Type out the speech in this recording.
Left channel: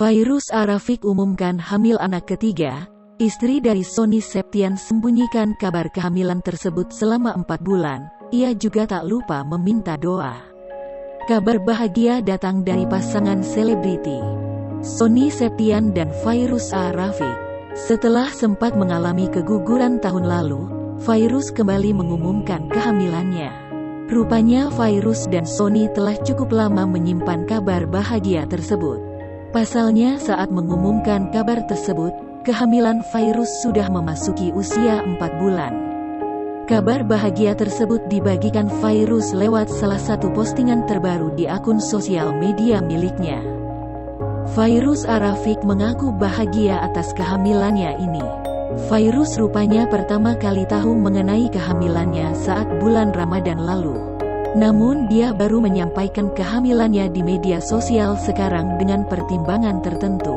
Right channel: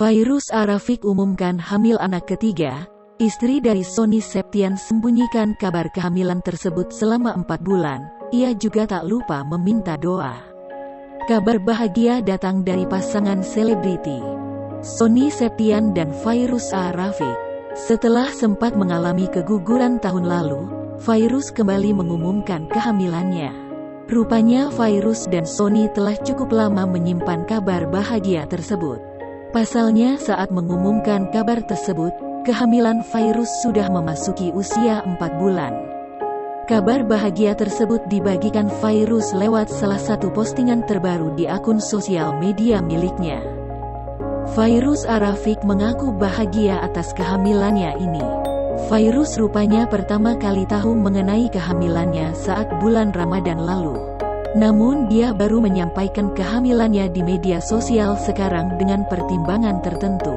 Fairuz Arafiq umumkan hamil anak ketiga. Istri dari Sony Septian sembunyikan kabar kehamilan tersebut selama 4 bulan. Ia juga tak lupa meminta doa. Kabar bahagia datang dari pasangan selebriti Sony Septian dan Fairuz Arafiq. Setelah sempat mengalami keguguran tahun lalu, Fairuz kembali mengumumkan kehamilannya. Rupanya Fairuz dan Sony telah cukup lama menyimpan kabar bahagia tersebut. Pasalnya saat mengumumkan kabar tersebut, kehamilan Fairuz sudah memasuki usia 4 bulan. Kabar bahagia tersebut dibagikan Fairuz lewat salah satu postingan terbaru di akun sosial media miliknya. Fairuz Arafiq mengaku bahagia atas kehamilannya ini. Fairuz rupanya pertama kali tahu mengenai kehamilannya saat bulan Ramadan lalu. Namun dia baru menyampaikan kehamilannya di media sosial sekarang dengan pertimbangan tertentu.